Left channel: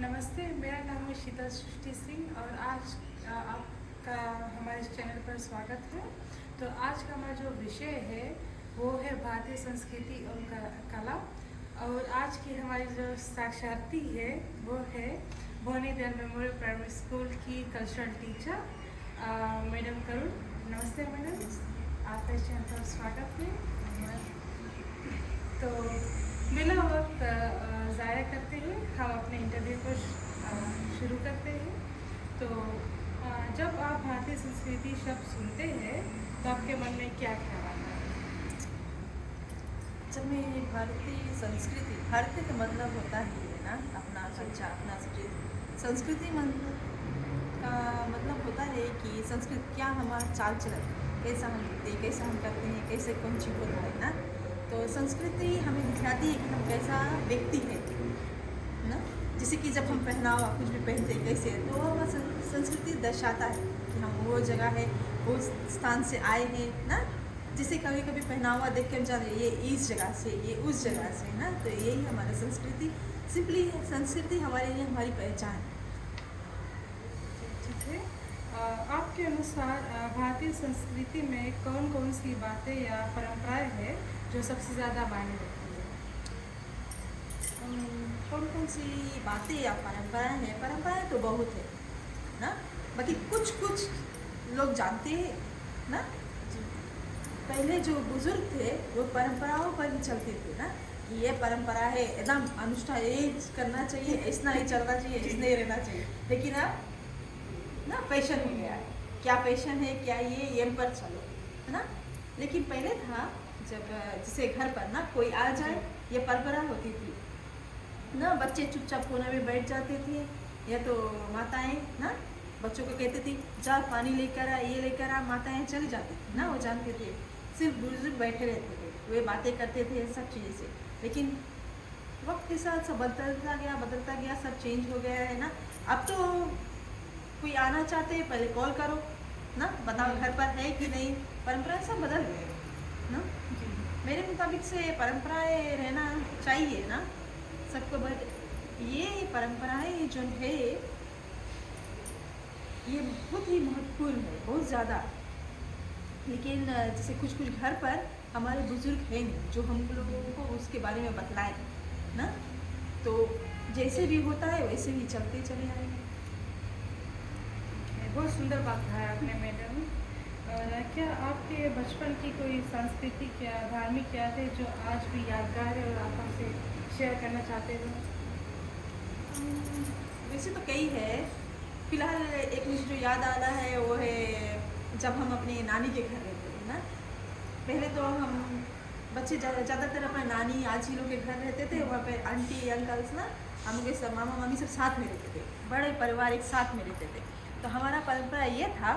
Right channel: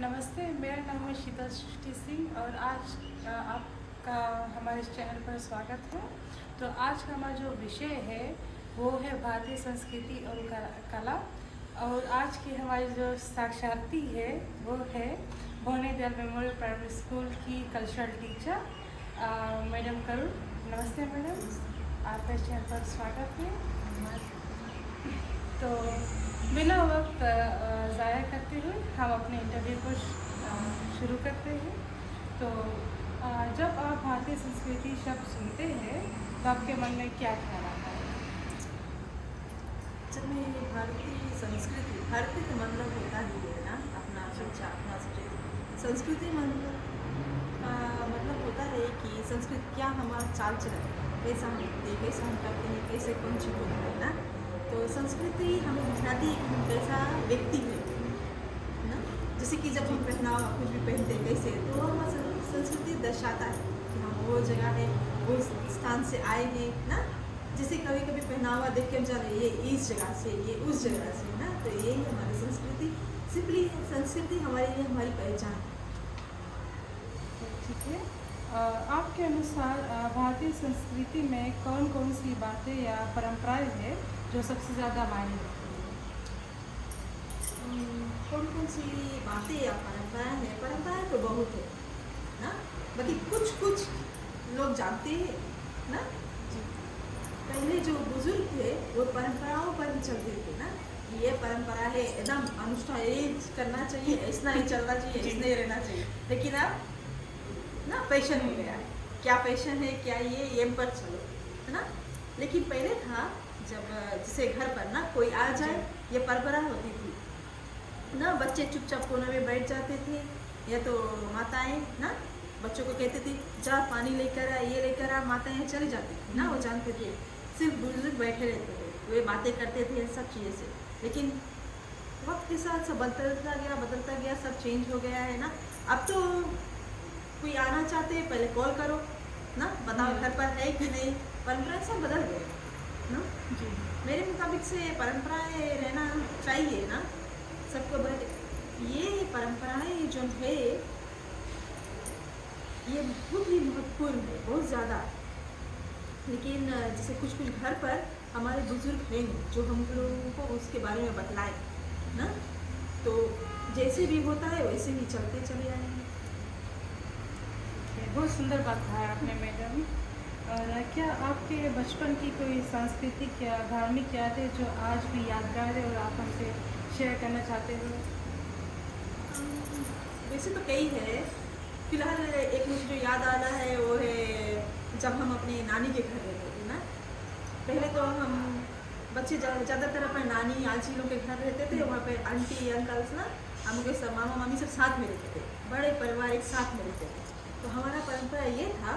नमस्ते, मेरा नाम है शीतल सृष्टि सिंह और आज आपका हमारे इस चैनल पर स्वागत है। तो आज का हमारा जो विषय है वो है भारतीय संस्कृति और कला। और आज की हमारी जो साक्षार्थी है वो है भोने दयाल मेमोरियल प्राइमरी स्कूल की कल्चरल टीचर मैडम करुण। नमस्ते मैडम, आपका इस चैनल पर स्वागत है। तो बिना वक्त ज़ाया करते हुए हम अपने इंटरव्यू को शुरू करते हैं। तो जब आप भारतीय संस्कृति शब्द सुनते हैं तो आपके मन में क्या ख्याल आता है? जब मैं भारतीय संस्कृति, भारतीय का मतलब होता ही है ना अपना कल्चर, अपना संस्कृति का मतलब होता है कि संस्कृति क्या हमारा चाल चलन, कैसा हम दिखते हैं, कैसा हम करते हैं, कैसे कौन चीज़ होता है ना। तो संस्कृति हमें दिखाती है कि हम कैसा व्यक्ति है ना। जैसे कि जब हम पहनावा कुछ भी पहनते हैं कैसे, तो हमारा संस्कृति दर्शाता है कि हम वो जगह है, वो स्थान से आए हैं ना। जैसे कभी कभी पहनावा देख कर जाने ये इस जगह से, ये उस जगह से ना। तो यही हमारी संस्कृति सिंपली है। संस्कृति हमारे लिए हमारी पहचान है। ठीक है। आपके अनुसार भारतीय संस्कृति में कौन कौन सी बातें या परंपराएं हैं जो सबसे ज़्यादा मायने रखती है? कौन कौन सी बातें या परंपराएं हैं? परंपराएं तो बहुत है ना, बाकी कुछ कुछ लोग जानते हैं ना। पहले जो बुजुर्ग थे वो परंपराओं पर ही चलते थे ना। ये परंपरा है, एकदम अनुष्ठान ये करना चाहिए, ऐसा ही चलना चाहिए, ऐसा ही रहना चाहिए। लेकिन अब ना फैशन हो गया है, क्या फैशन है, क्या ये पर चलो है ना। लेकिन पहले था जब जैसे घर पर ना कोई आ जाए, ये परंपरा होती थी ना। बच्चे चुपचाप कोने में बैठ जाते थे, या तो माताएं ना बच्चों को कहती थी जा पानी लेकर आ, ये लेकर आ। माताएं चली जाती थी ना, वो जानते थे। सिर्फ बुजुर्ग बैठे रहते थे, वे बातें करते थे सब चीज़ें से। लेकिन वक्त के साथ सब बदलता गया, सब चेंज हो गया है ना। अब तो कोई आना चाहते हैं पहले कॉल करो ना, बताओ घर पर है कि नहीं। परंपराएं सब बदल गए ना। जी। मेरे मुताबिक से परंपराएं रहना चाहिए ना सबको। बट ये परंपराएं जो है ये बहुत ही महत्वपूर्ण है, बहुत ज़्यादा। लेकिन जैसे कुछ कुछ घर पर हमारे बुजुर्ग हैं नहीं जो हम लोगों को उसके बारे में बतलाएं ना। तो जैसे भी होता है वैसे ही चलते चले आएंगे। बहुत सुंदर बात कहा है आपने मैडम। क्या आपके बचपन की कोई सांस्कृतिक या धार्मिक यादें जो आज भी यादगार है और आप हमसे शेयर करना चाहते हो? वैसे तो कई है, फिलहाल एक मुझे जो याद आ रहा है वो है जब हम अपने नानी के घर रहते थे ना। पहले तो हम बच्चे ज़्यादातर अपने नानी आजी लोग के घर रहते थे। वहाँ पे आंटी अंकल्स ना, हम लोग सब मामा मामी सब साथ में रहते थे, बड़े परिवार एक साथ में रहते थे। तो हमारा परंपरा ये था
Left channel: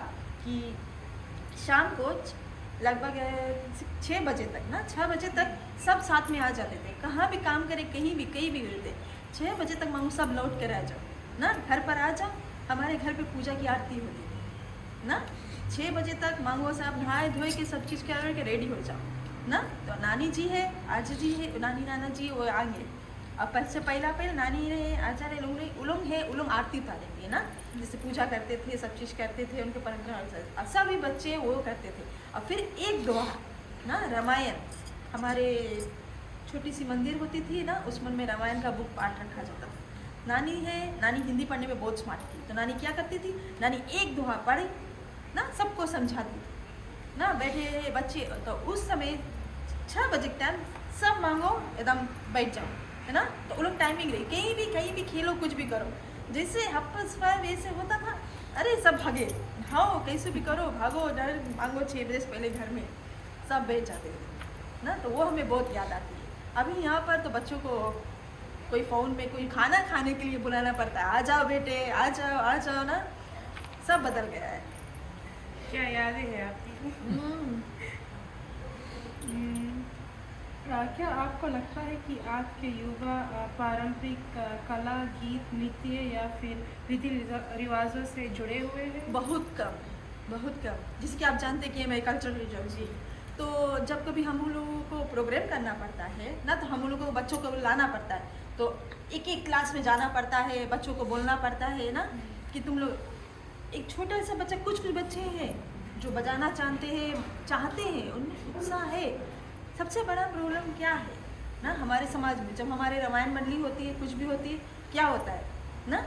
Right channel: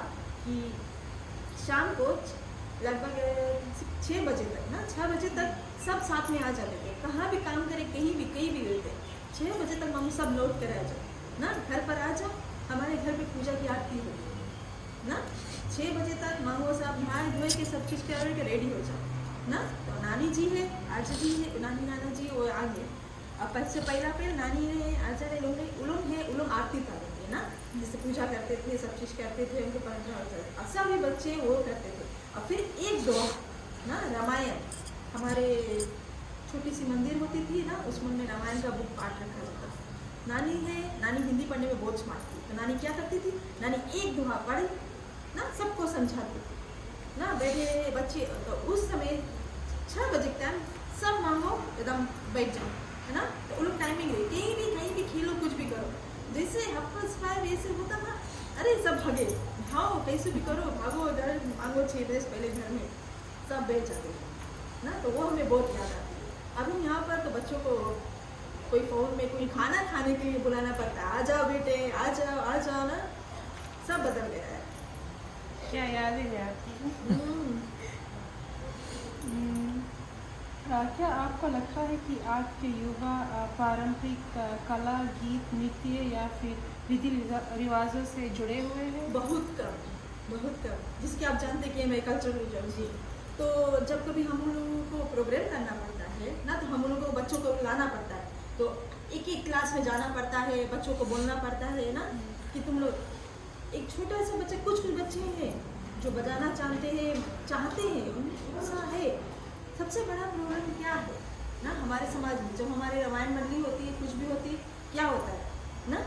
कि शाम को लगभग 6 बजे तक ना, 6 बजे तक सब साथ में आ जाते थे। कहाँ भी काम करें, कहीं भी रहते, 6 बजे तक मामू सब लौट कर आ जाओ ना, घर पर आ जाओ। हमारे घर पे पूजा की आरती होगी ना। 6 बजे तक मामू साहब नहाए धोए के सब चीज़ के रेडी हो जाओ ना। तो नानी जी है, आजी जी है, नानी नाना जी वो आगे। अब पहला नानी रहे, आजा रहे, लोग आरती उतारते ना, जैसे पूजा करते थे, सब चीज़ करते थे, उनको परंपरा सभी बच्चे वो करते थे। और फिर एक दोहा ना, रामायण, हमारे छोटी सी मंदिर होती थी ना, उसमें में रामायण का बुक पाठ रखा जाता था। नानी हिंदी पढ़ने में बहुत स्मार्ट थी। तो नानी क्या करती थी, नानी एक दोहा पढ़ी ना, सबको समझाती ना, बैठे बच्चे। तो उस समय 6 बजे के टाइम सब मांगो एकदम बैठ जाओ है ना। तो वो लोग टाइमिंग रही, कहीं भी खेलो, कुछ भी करो। जैसे हफ्स फायर ऐसे होता था, अरे सब भागे, भागो कैसे भी करो, भागो मांगो 6 बजे से पहले घर में सब बैठ जाते हैं ना। तो वो हमें बहुत याद आती है। अभी यहाँ पर तो बच्चों को कोई फ़ोन में कोई खाना खाने के लिए बुलाना पड़ता है, आ जाओ बेटे, आ जाओ ना। सब बदल गया है। क्या यादें हैं आपकी? क्या आपको लगता है कि आज के युवा पारंपरिक कला, गीत, नृत्य या फिर रीति रिवाजों से जुड़े हुए हैं? बहुत कम। जिससे कि आप जानते हैं कि मेरे कल्चरल जर्सी, तो जब कभी हम लोगों को प्रोग्राम करना पड़ता है ना, तो हम लोगों को बच्चों को लाना पड़ता है। तो एक एक क्लास में जाना पड़ता है, बच्चों को बोलना पड़ता है ना कि तुम लोग, एक छोटा सा बच्चा, कुछ बच्चे हैं जो बजाना चाहते हैं, उनमें उत्साह है। सबसे बड़ा प्रॉब्लम क्या है ना हमारे समाज में, जब हमारे रामायण मंडली होती है, कुछ भी होती है, क्या होता है ना,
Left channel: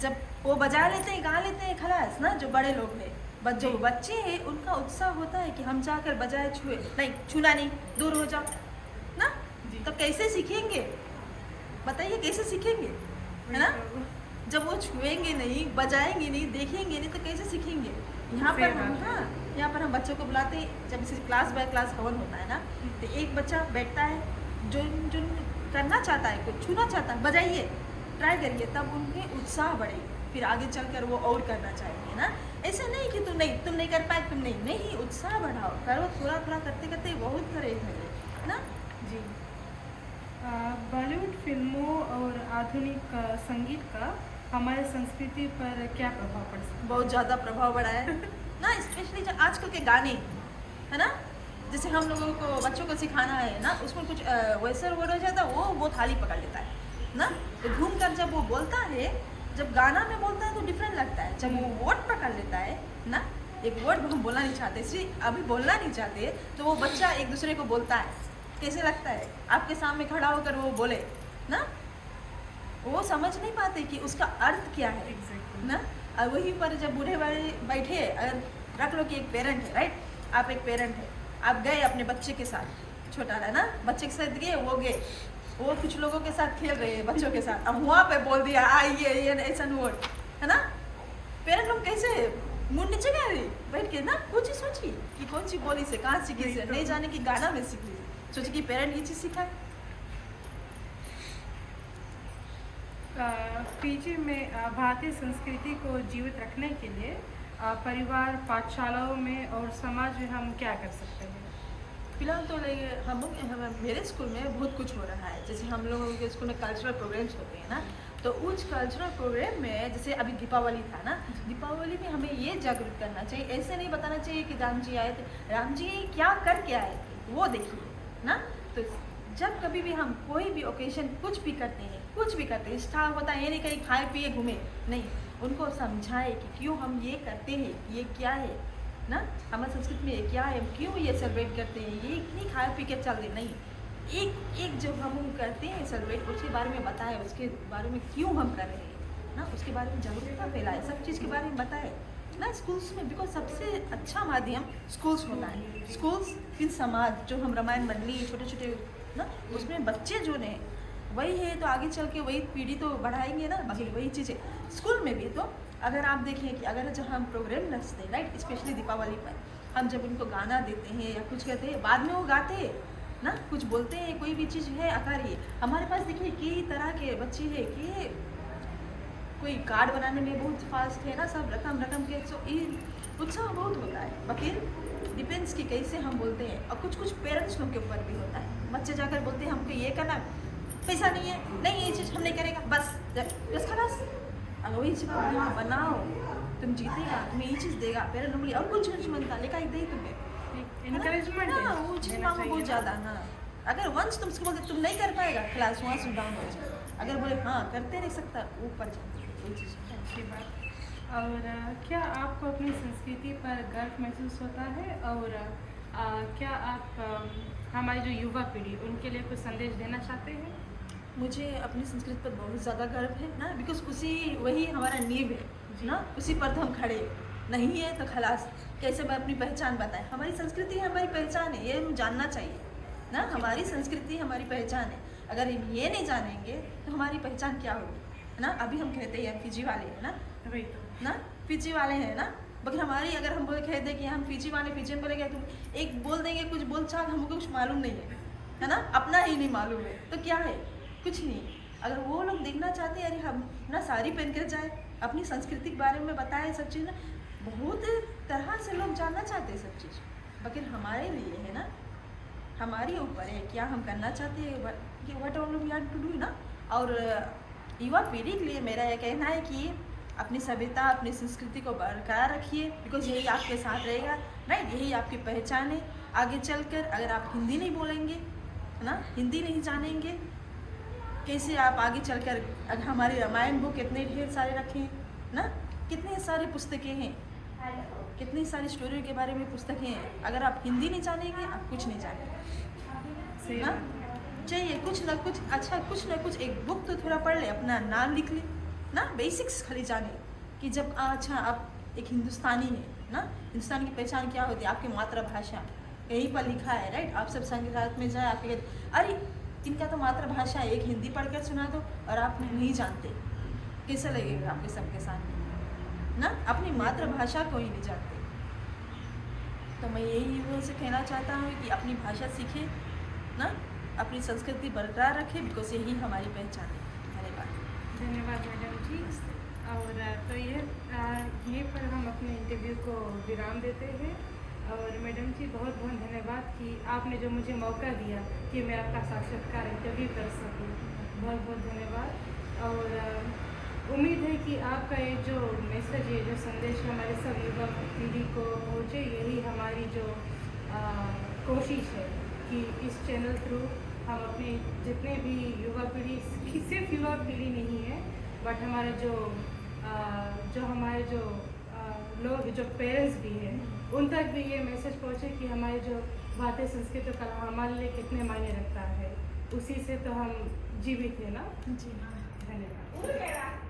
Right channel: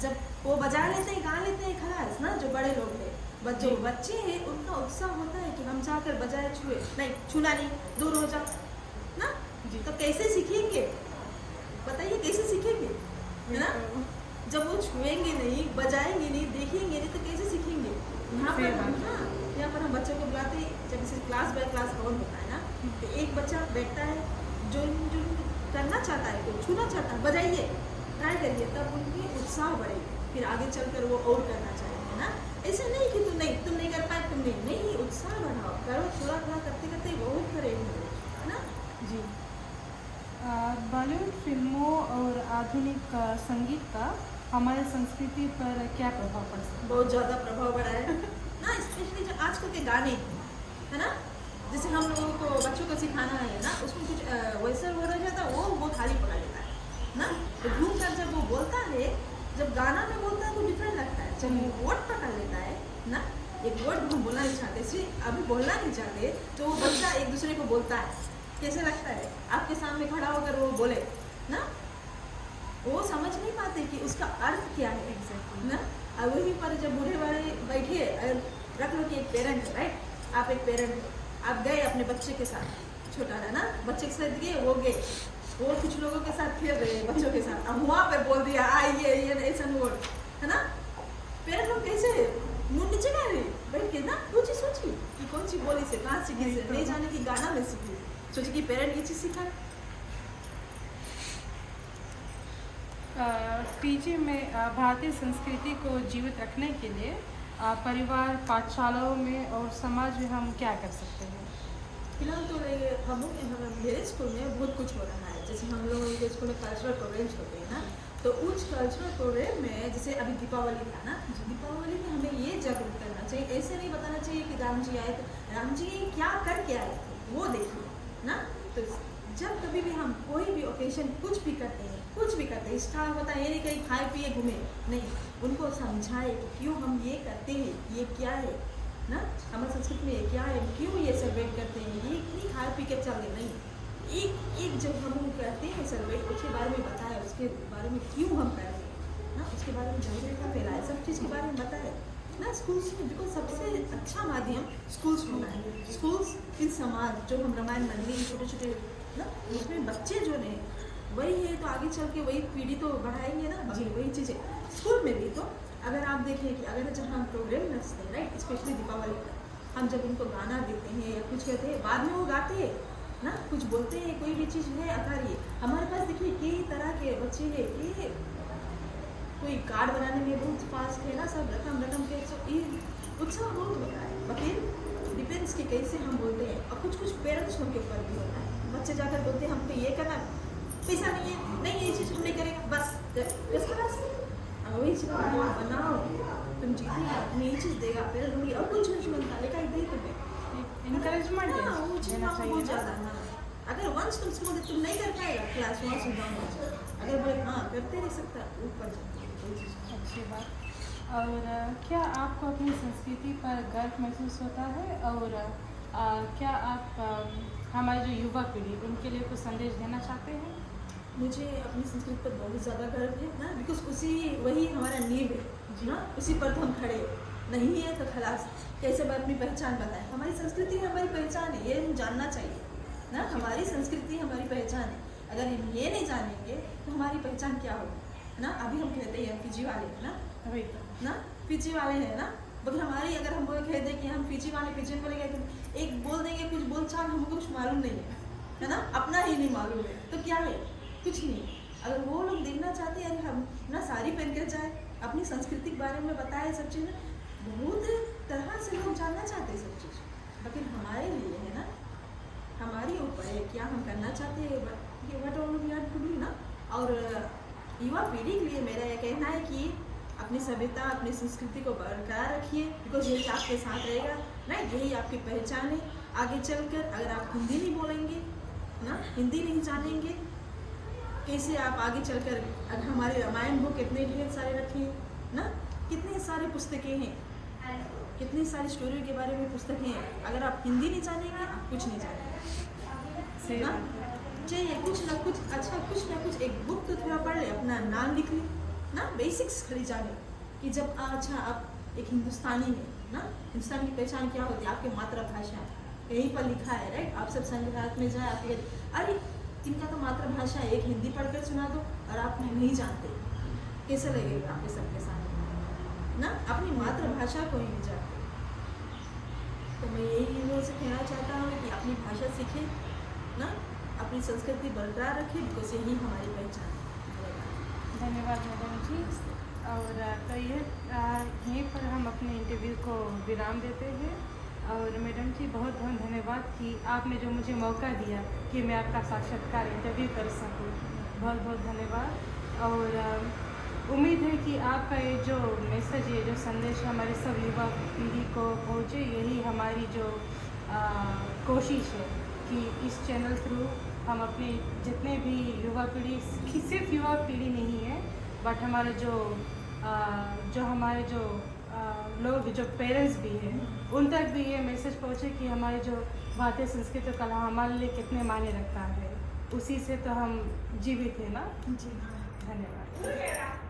जब वो बजा लेते हैं, गा लेते हैं, खलास ना, जो बड़े लोग हैं, जो बच्चे हैं उनका उत्साह होता है कि हम जाकर बजाए, छुए नहीं, छूना नहीं, दूर हो जाओ ना। तो कैसे सीखेंगे बताइए, कैसे सीखेंगे, है ना? जब वो छुएंगे नहीं, बजाएंगे नहीं, देखेंगे नहीं, तो कैसे सीखेंगे? यहाँ पर यहाँ पर हम बच्चों को बुलाते हैं, जब इसे क्लास बाय क्लास कवर होता है ना, तो एक बच्चा बैठता है जो जो करना चाहता है, कुछ छूना चाहता है, बजाइए, ट्राई करिए, तब उनके उत्साह बढ़ेगी, फिर आगे चलकर वो और करना चाहेंगे ना। ऐसा नहीं कि तुम नहीं कर पाए, तुम नहीं, उत्साह बढ़ाओ, करो, थोड़ा थोड़ा करते करते बहुत करेंगे ना। जी, बॉलीवुड फिल्मों और आधुनिक संगीत का हमारे संस्कृति पर क्या प्रभाव पड़ सकता है? बहुत ज़्यादा प्रभाव पड़ा है ना, स्पेशली जो आजकल के गाने है ना, जैसे हम लोगों को बच्चों को सिखाना है ना, उसमें कुछ वैसा हो रह जाता है, वो थाली पकड़ लेता है ना। तो घूम कर जब वो बोलता है, जब गाना में बोलता है तो डिफरेंट लगता है, जब वो वर्ड पकड़ लेता है ना, एक वर्ड हम बोलना नहीं चाहते, सिर्फ अभी बोलना नहीं चाहते, तो वो बच्चा एक दूसरे को बोलता है, कैसे लगता है आपके सामने खड़ा होकर वो बोले ना, वो समझ नहीं पाते कि उसका अर्थ क्या है ना। और वहीं पर जब बूढ़े बड़े बैठे, रख लो कि एक पेरेंट है, राइट, आप एक पेरेंट है, आप गए अपने बच्चे के साथ, छोटा है ना, बच्चे के साथ गए, वो कुछ लोगों के साथ खेल रहे हैं बच्चों के साथ, अब वहाँ पे बोल दिया आइए ये ऐसा नोट है ना, पेरेंट लोग कैसे मुंह नीचे गए रही बैठ के ना, सोची कि कौन सी बोली से, कहाँ सीखी से, नहीं जाने की गाना में सीखी, सोची कि पेरेंट ये चीज़ सीखा। पीजी में भारतीय संस्कृति को जीवित रखने के लिए परिवार, पाठशालाओं में और समाज में हम क्या कर सकते हैं? फिलहाल तो मेरे स्कूल में बहुत कुछ हो रहा है, जैसे हम लोगों के स्कूल में कल्चरल प्रोग्राम्स होते हैं ना, तो उस कल्चरल प्रोग्राम में जैसे अभी दीपावली था ना, दीपावली में हमें ये जागरूक करना चाहिए, ऐसे नहीं बताना चाहिए कि राम जी आए थे, राम जी क्या करके आए थे वो देखिए ना। तो जब कभी भी हम कोई भी ओकेजन कुछ भी करते हैं, स्टार होता है, ये नहीं कहीं खाए पिए घूमे, नहीं, उनको समझाए कि क्यों हम ये करते हैं, ये क्या है ना, हमारी संस्कृति में ये क्या है, क्यों ये सेलिब्रेट करते हैं, ये नहीं खाए पी के चल रहे, नहीं, एक जो हम करते हैं सेलिब्रेट, उसके बारे में बताए, उसके बारे में क्यों हम कर रहे हैं ना, उसके बारे में जागरूकता फैलाए, सब चीज़ के बारे में बताए ना स्कूल्स में, बिकॉज सबसे अच्छा माध्यम स्कूल्स होना है। स्कूल्स फिर समाज, जो हम रामायण मंडली छोटे छोटे ना, उसमें बच्चे जो ने वही है, तो आगे चल के वही पीढ़ी तो बढ़ाएंगे ना, बाकी वही चीज़ें स्कूल में भी। तो अगर आप देखिए कि अगर जब हम प्रोग्राम रचते हैं, राइट, स्पेशली दीपावली पर हम जब उनको गाना देते हैं या कुछ कहते हैं, बाद में वो गाते हैं ना, कुछ बोलते हैं, कोई भी चीज़ है आकारिए, हमारे पास देखिए कई तरह के बच्चे हैं कि कोई कार्ड बनाने में बहुत फास्ट है ना, सब रकम के, सो ये उत्साह बहुत होता है, बाकी डिपेंड्स कि कैसे हम बोलते हैं। और कुछ पेरेंट्स लोग के ऊपर भी होता है, बच्चे जाकर बोलते हैं हमको ये करना, पैसा नहीं है, नहीं ये चीज़ हम नहीं करेगा, बस खलास, वही चीज़ बनाओ, तुम जीतेगा, तुम्हें ये चीज़ देगा, पेरेंट लोग और कुछ बनता लेकर ही दे तुम्हें इनकरेजमेंट देना चाहिए बहुत ज़्यादा ना। अगर वंस तुमसे बोलते तुम नहीं कर पाएगा, क्लास वहाँ से डाउन हो जाए, अगर बोले हाँ करते नहीं सकता, ऊपर अच्छी बात। और क्या आपको अपनी संस्कृति पर गर्व महसूस होता है, और क्या आप हमारी जो युवा पीढ़ी उनके लिए कुछ संदेश देना चाहते हैं? मुझे अपनी संस्कृति पर बहुत ज़्यादा गर्व है ना, बिकॉज वही हमारा नींव है ना, उसी पर तो हम खड़े नहीं है, तो खलास कैसे मैं अपनी पहचान बताएं, हमारी संस्कृति हमारी पहचान है, ये हम जानना चाहिए ना, हमारी संस्कृति हमारी पहचान है, अगर हम ये नहीं जानेंगे तो हमारी पहचान क्या होगी ना। अभी हम कहते हैं हम पीजी वाले हैं ना, वही ना पीजी वाले हैं ना, बाकी हमारी अगर हम बोले कह दें कि हम पीजी वाले, पीजी बोलेंगे तो एक बोल देंगे कुछ बोल चाल, हमको कुछ मालूम नहीं है ना, अपना ही नहीं मालूम है, तो क्या है, कुछ नहीं। अगर वो लोग देखना चाहते हैं, अरे हम ना साड़ी पहन कर जाए, अपनी संस्कृति के बारे में बताए, सब चीज़ ना बहुत तरह से लोग जानना चाहते हैं सब चीज़, बाकी हमारे लिए है ना, हमारे ऊपर है क्या हम करना चाहते हैं, what all we have to do ना। और युवा पीढ़ी के लिए मेरा ये कहना है कि अपनी सभ्यता, अपनी संस्कृति को बरकरार रखिए, बिकॉज यही आपके साथ रहेगा ना, यही आपकी पहचान है आगे चलकर। अगर आप हिंदी नहीं बोलेंगे है ना, हिंदी नहीं जानेंगे कैसे आप आगे चलकर हमारे रामायण हो कितने ढेर सारे रखे हैं ना, कितने सारे पुस्तकें हैं, कितनी सारी स्टोरी के बारे में पुस्तकें हैं। अगर आप हिंदी नहीं जानेंगे आप कुछ नहीं जानेंगे, सही ना बात है। चाहिए कुछ ना कुछ अच्छा, कुछ ना कुछ एक बुक तो थोड़ा पढ़ ले, अपना नाम लिख ले ना, बेसिक्स खाली जाने कि जब अच्छा आप एक हिंदुस्तानी है ना, हिंदुस्तान की पहचान क्या होती है, आपकी मातृभाषा यहीं पर लिखा है राइट। आप सब संग्रहालय में जाए आपके अरे इनका तो मातृभाषा है, एक हिंदी पढ़ कर सुना दो और आप नहीं जानते, कैसे लगेगा आपके सबके सामने ना, अपनी मातृभाषा को ही नहीं जानते। तो मैं यही लोगों से कहना चाहता हूँ कि अपनी भाषा सीखे ना, अपनी संस्कृति बरकरार रखे, बिकॉज यही हमारी पहचान है। धन्यवाद। धन्यवाद मैडम जी। और तो ये यहीं पर हम अपने इंटरव्यू को विराम देते हैं। और मैडम जी बहुत बहुत धन्यवाद कि आपने जो मुझे मौका दिया कि मैं आपका साक्षात्कार इंटरव्यू कर सकूं, बहुत बहुत धन्यवाद। और उम्मीद है कि आपका ये जो मैसेज है, जो संदेश हमारे सब युवा पीढ़ी को पहुँचे, यही हमारी जो कोशिश है कि इस चैनल थ्रू हम अपने जितने भी युवा पीढ़ी, सिर्फ युवा पीढ़ी नहीं है बट हमारे हमारे जो लोग जो पेरेंट्स भी हैं उन तक भी ये मैसेज पहुँचे कि हमारे जो भारतीय संस्कृति और कला हमारे लिए कितने मायने रखता है, उसी से तो हम जीवित हैं ना। जी हाँ। धन्यवाद।